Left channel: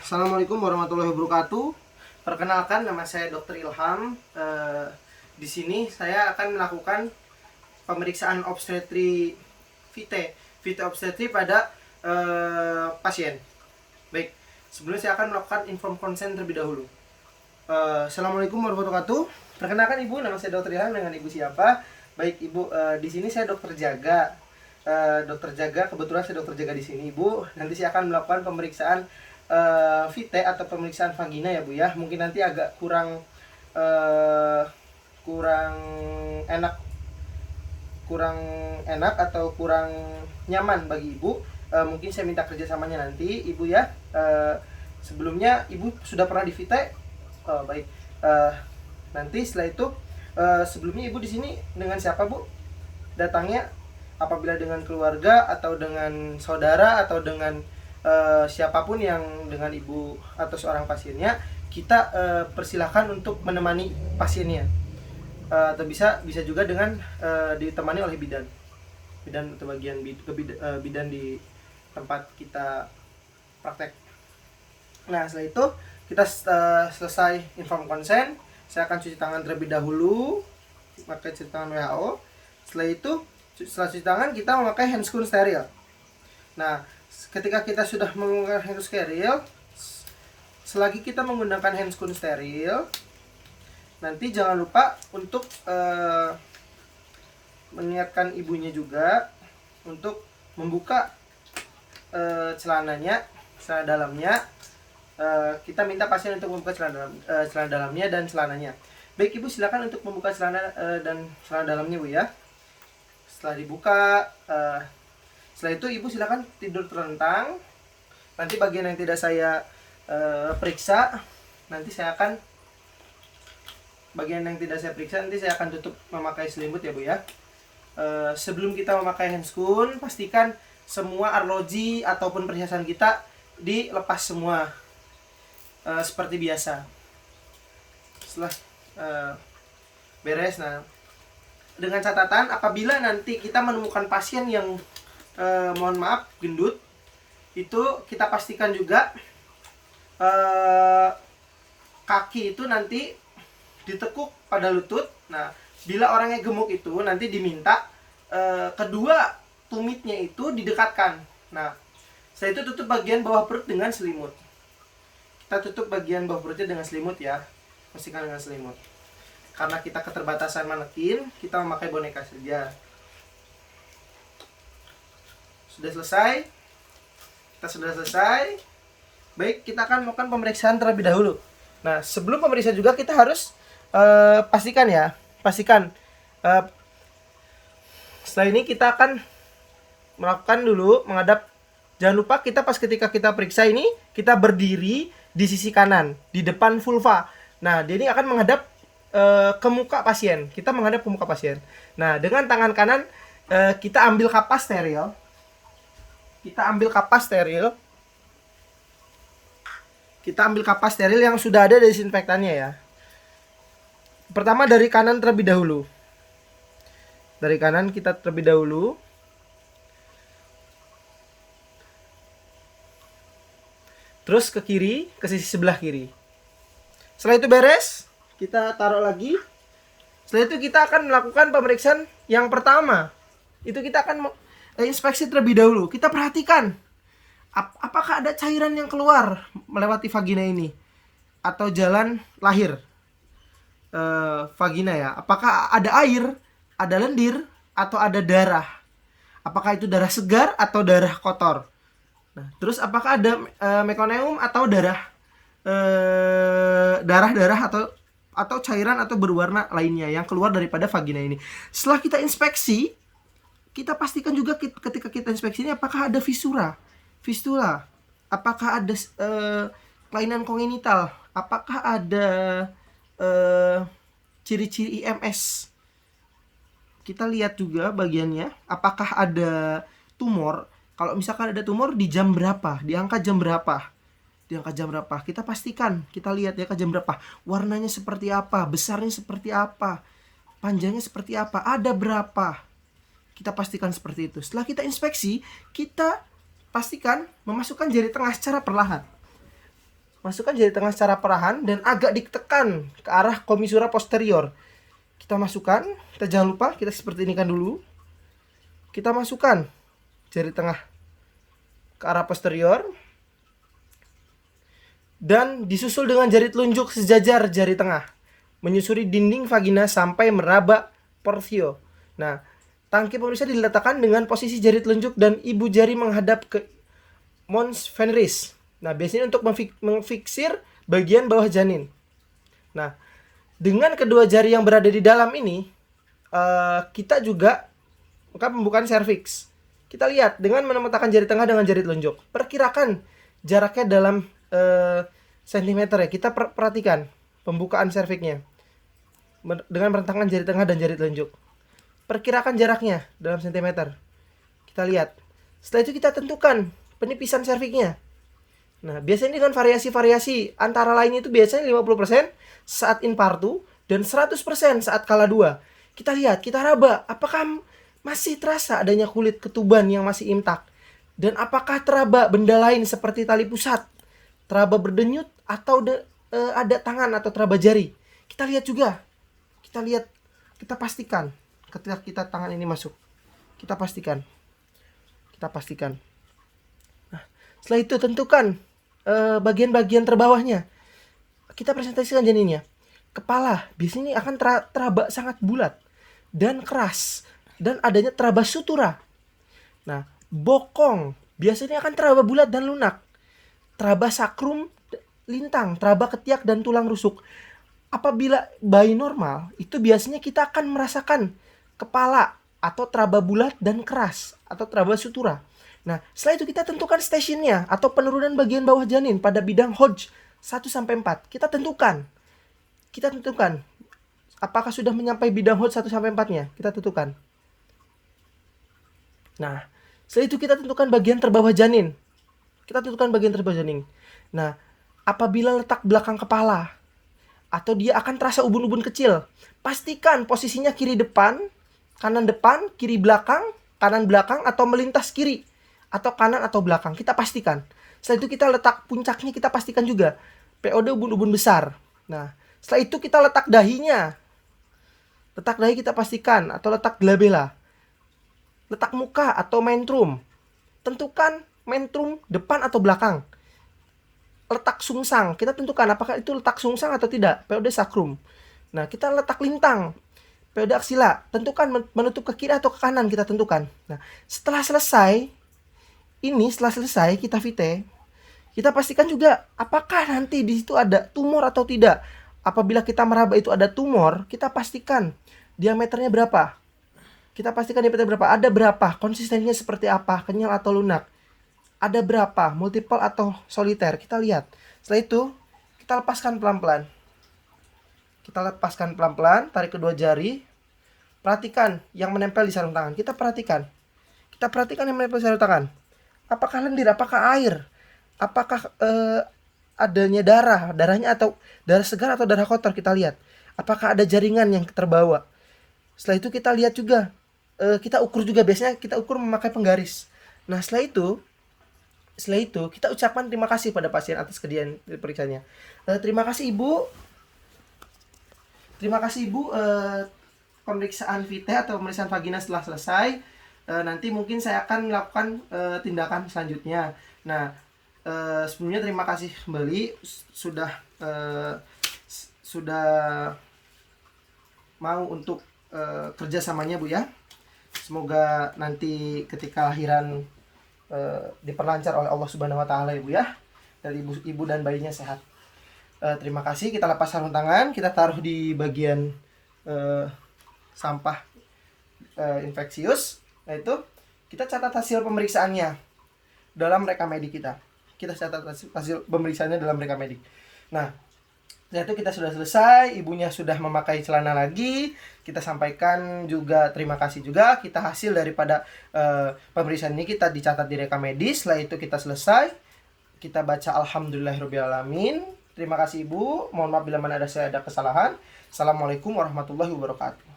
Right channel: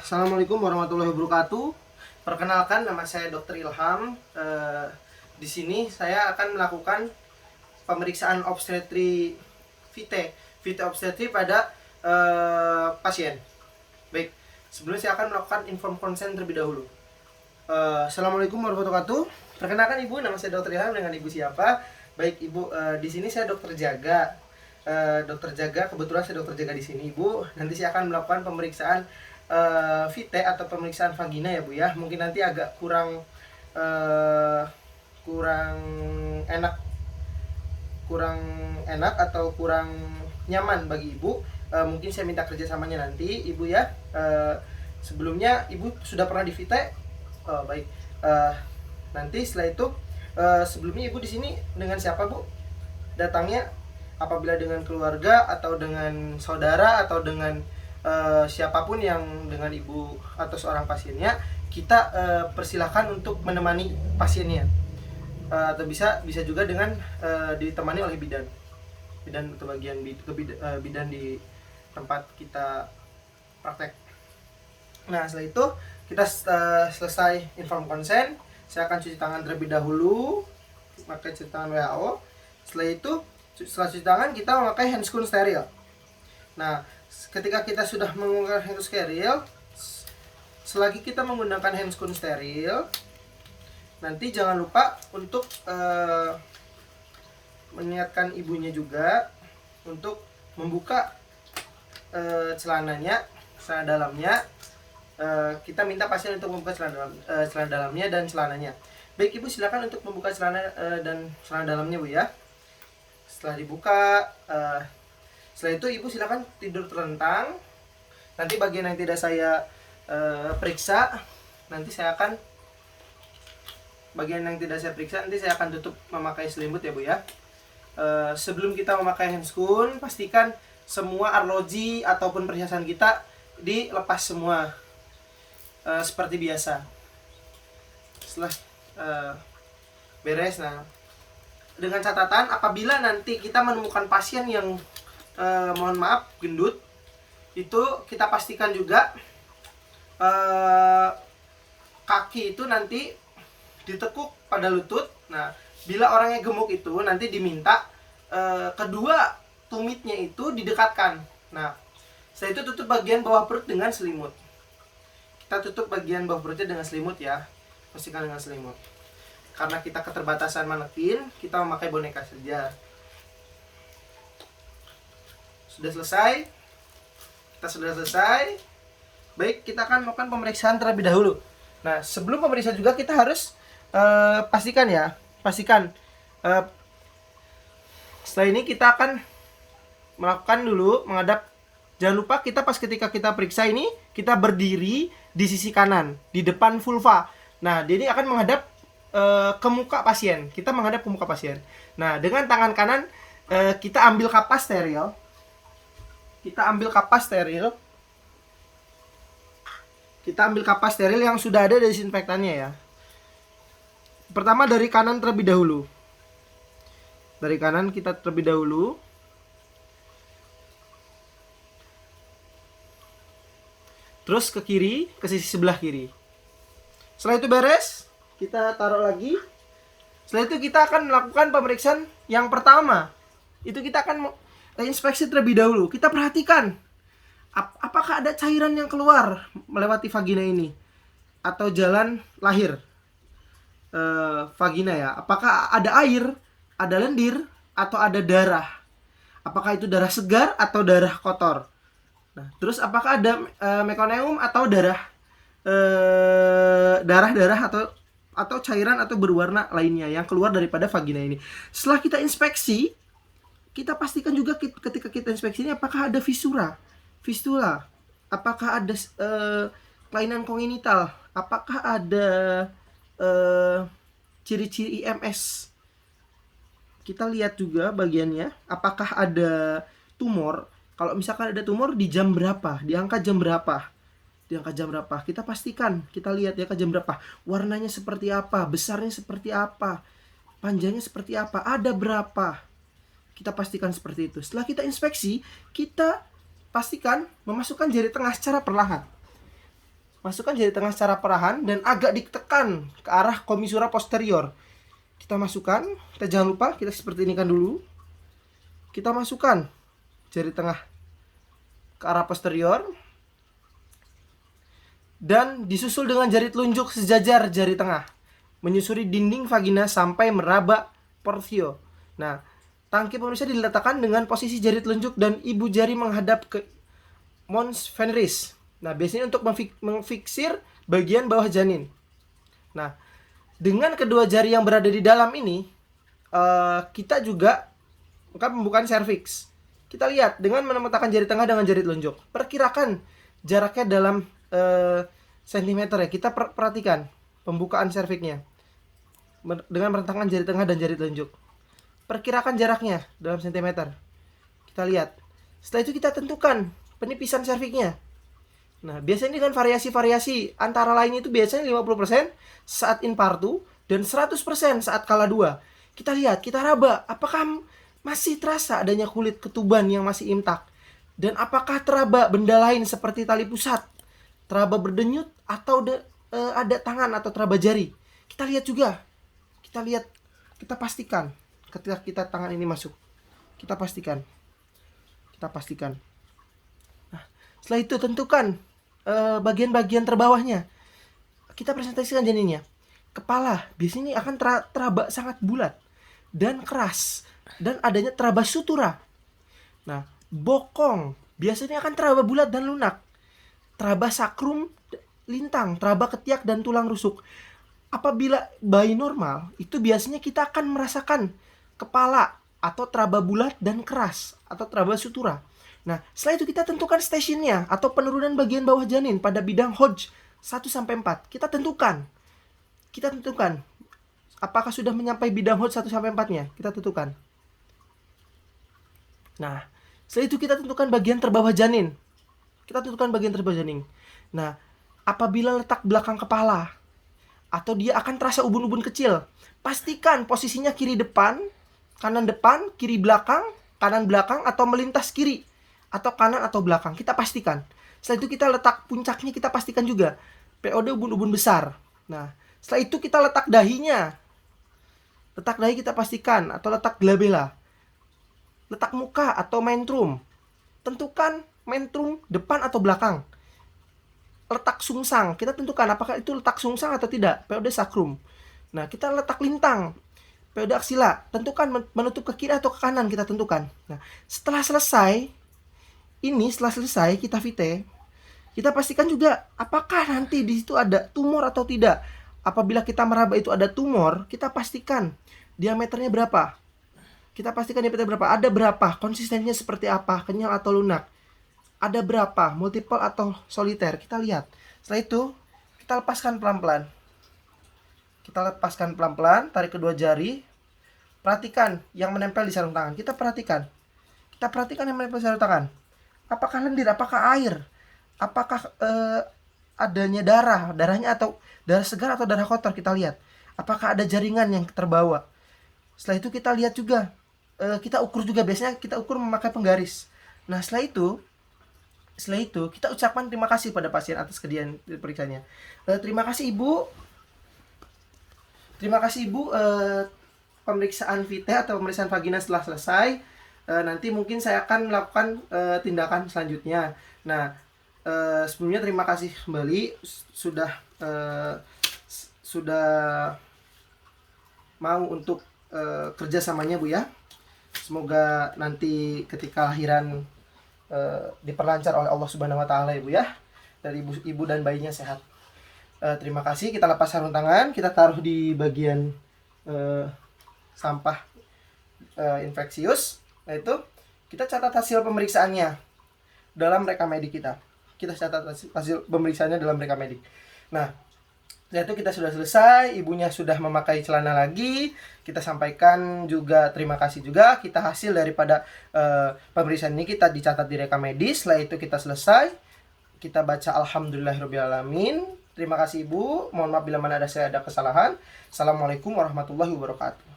Assalamualaikum warahmatullahi wabarakatuh. Perkenalkan, nama saya Dr. Ilham. Di sini saya akan melakukan pemeriksaan obstetri VT obstetri pada pasien. Baik, sebelumnya saya akan melakukan inform consent terlebih dahulu. Assalamualaikum warahmatullahi wabarakatuh. Perkenalkan Ibu, nama saya Dr. Ilham. Dengan Ibu siapa? Baik Ibu, di sini saya Dokter Jaga. Dokter Jaga, kebetulan saya dokter jaga di sini Ibu. Nanti saya akan melakukan pemeriksaan VT atau pemeriksaan vagina ya Bu ya. Mungkin nanti agak kurang enak atau kurang nyaman bagi Ibu. Mungkin saya minta kerjasamanya nanti Ibu ya. Sebelumnya Ibu sudah pernah di VT? Baik. Nanti setelah itu sebelumnya Ibu di sini dengan siapa Bu? Datangnya apabila dengan keluarga atau dengan saudara atau dengan siapapun yang dengan ibu atau seorang pasiennya, kita persilahkan untuk menemani pasiennya, atau bisa juga dengan ditemani oleh bidan atau bidan di tempat kita praktek. Nah setelah itu kita selesai inform consent, saya akan cuci tangan terlebih dahulu pakai cuci tangan WHO. Setelah cuci tangan kita memakai handscoon steril. Nah, ketika kita sudah menggunakan handscoon steril, selagi kita menggunakan handscoon steril, nanti jangan lupa untuk mengingatkan ibunya juga untuk membuka celana dalamnya. Kita minta pasien untuk membuka celana dalamnya dan celananya. Baik Ibu, silakan untuk membuka celana dan celana dalamnya Bu ya. Setelah dibuka, setelah itu Ibu silakan tidur terlentang. Nanti bagian yang tidak saya periksa, nanti saya akan tutup memakai selimut ya Bu ya. Sebelum kita memakai handscoon, pastikan semua arloji ataupun perhiasan kita dilepas semua seperti biasa. Setelah beres, nah dengan catatan apabila nanti kita menemukan pasien yang mohon maaf gendut, itu kita pastikan juga kaki itu nanti ditekuk pada lutut. Nah bila orangnya gemuk itu nanti diminta kedua tumitnya itu didekatkan. Nah setelah itu tutup bagian bawah perut dengan selimut. Kita tutup bagian bawah perutnya dengan selimut ya, pastikan dengan selimut. Karena kita keterbatasan manekin, kita memakai boneka saja. Kita sudah selesai. Baik, kita akan melakukan pemeriksaan terlebih dahulu. Nah, sebelum pemeriksaan juga kita harus pastikan. Setelah ini kita akan melakukan dulu menghadap. Jangan lupa ketika kita periksa ini, kita berdiri di sisi kanan, di depan vulva. Nah, dia ini akan menghadap ke muka pasien. Kita menghadap ke muka pasien. Nah, dengan tangan kanan kita ambil kapas steril. Kita ambil kapas steril yang sudah ada desinfektannya ya. Pertama dari kanan terlebih dahulu. Dari kanan kita terlebih dahulu. Terus ke kiri, ke sisi sebelah kiri. Setelah itu beres, kita taruh lagi. Setelah itu kita akan melakukan pemeriksaan yang pertama. Itu kita akan inspeksi terlebih dahulu. Kita perhatikan apakah ada cairan yang keluar melewati vagina ini atau jalan lahir vagina ya. Apakah ada air, ada lendir, atau ada darah. Apakah itu darah segar atau darah kotor. Nah, terus apakah ada meconium atau darah atau cairan atau berwarna lainnya yang keluar daripada vagina ini. Setelah kita inspeksi, kita pastikan juga ketika kita inspeksi ini apakah ada fistula, apakah ada kelainan kongenital, apakah ada ciri-ciri IMS. Kita lihat juga bagiannya, apakah ada tumor. Kalau misalkan ada tumor di jam berapa, di angka jam berapa. Kita pastikan, kita lihat ya ke jam berapa, warnanya seperti apa, besarnya seperti apa, panjangnya seperti apa, ada berapa. Kita pastikan seperti itu. Setelah kita inspeksi, kita pastikan memasukkan jari tengah secara perlahan. Masukkan jari tengah secara perlahan dan agak ditekan ke arah komisura posterior. Kita masukkan, kita jangan lupa kita seperti ini kan dulu. Kita masukkan jari tengah ke arah posterior dan disusul dengan jari telunjuk sejajar jari tengah, menyusuri dinding vagina sampai meraba portio. Nah, tangki pemirsa diletakkan dengan posisi jari telunjuk dan ibu jari menghadap ke mons veneris. Nah, biasanya untuk memfiksir bagian bawah janin. Nah, dengan kedua jari yang berada di dalam ini, kita juga melakukan pembukaan serviks. Kita lihat dengan meletakkan jari tengah dengan jari telunjuk. Perkirakan jaraknya dalam sentimeter ya. Kita perhatikan pembukaan serviksnya dengan meletakkan jari tengah dan jari telunjuk. Perkirakan jaraknya dalam sentimeter. Kita lihat. Setelah itu kita tentukan penipisan serviksnya. Nah, biasanya dengan variasi-variasi antara lain itu biasanya 50% saat infartu dan 100% saat kala 2. Kita lihat, kita raba apakah masih terasa adanya kulit ketuban yang masih intak, dan apakah teraba benda lain seperti tali pusat, teraba berdenyut, atau ada tangan atau teraba jari. Kita lihat juga. Kita lihat, kita pastikan ketika kita tangan ini masuk. Kita pastikan. Nah, setelah itu tentukan bagian-bagian terbawahnya. Kita presentasikan janinnya. Kepala biasanya akan teraba sangat bulat dan keras, dan adanya teraba sutura. Nah, bokong biasanya akan teraba bulat dan lunak. Teraba sakrum lintang, teraba ketiak dan tulang rusuk. Apabila bayi normal, itu biasanya kita akan merasakan kepala atau teraba bulat dan keras atau teraba sutura. Nah, setelah itu kita tentukan stationnya atau penurunan bagian bawah janin pada bidang Hodge 1-4. Kita tentukan apakah sudah menyampai bidang Hodge 1-4-nya. Kita tentukan. Nah, setelah itu kita tentukan bagian terbawah janin. Nah, apabila letak belakang kepala atau dia akan terasa ubun-ubun kecil, pastikan posisinya kiri depan, kanan depan, kiri belakang, kanan belakang, atau melintas kiri atau kanan atau belakang. Kita pastikan. Setelah itu kita letak puncaknya, kita pastikan juga POD ubun-ubun besar. Nah, setelah itu kita letak dahinya. Letak dahi kita pastikan, atau letak glabella. Letak muka atau mentrum. Tentukan mentrum depan atau belakang. Letak sungsang, kita tentukan apakah itu letak sungsang atau tidak, POD sacrum. Nah, kita letak lintang, POD aksila. Tentukan menutup ke kiri atau ke kanan, kita tentukan. Nah, setelah selesai kita vite, kita pastikan juga apakah nanti di situ ada tumor atau tidak. Apabila kita meraba itu ada tumor, kita pastikan diameternya berapa. Ada berapa, konsistensinya seperti apa, kenyal atau lunak. Ada berapa, multiple atau soliter. Kita lihat. Setelah itu, kita lepaskan pelan-pelan. Tarik kedua jari. Perhatikan yang menempel di sarung tangan. Kita perhatikan yang menempel di sarung tangan. Apakah lendir, apakah air, apakah adanya darahnya atau darah segar atau darah kotor. Kita lihat apakah ada jaringan yang terbawa. Setelah itu kita lihat juga, kita ukur juga, biasanya kita ukur memakai penggaris. Nah, setelah itu kita ucapkan terima kasih pada pasien atas kejadian periksanya. Terima kasih ibu, pemeriksaan vite atau pemeriksaan vagina setelah selesai. Nanti mungkin saya akan melakukan tindakan selanjutnya. Nah, sebelumnya terima kasih kembali sudah mau untuk kerjasamanya Bu ya. Semoga nanti ketika lahiran diperlancar oleh Allah Subhanahu Wa Taala ya Bu ya, dari ibu dan bayinya sehat. Terima kasih. Kita lepas sarung tangan, kita taruh di bagian sampah infeksius. Nah, itu kita catat hasil pemeriksaannya dalam rekam medik kita. Nah, setelah itu kita sudah selesai, ibunya sudah memakai celana lagi. Kita sampaikan juga terima kasih juga. Kita hasil daripada pemeriksaan ini kita dicatat di rekam medis. Setelah itu kita selesai, kita baca alhamdulillahirobbilalamin. Terima kasih ibu. Mohon maaf bila mana ada kesalahan. Assalamualaikum warahmatullahi wabarakatuh.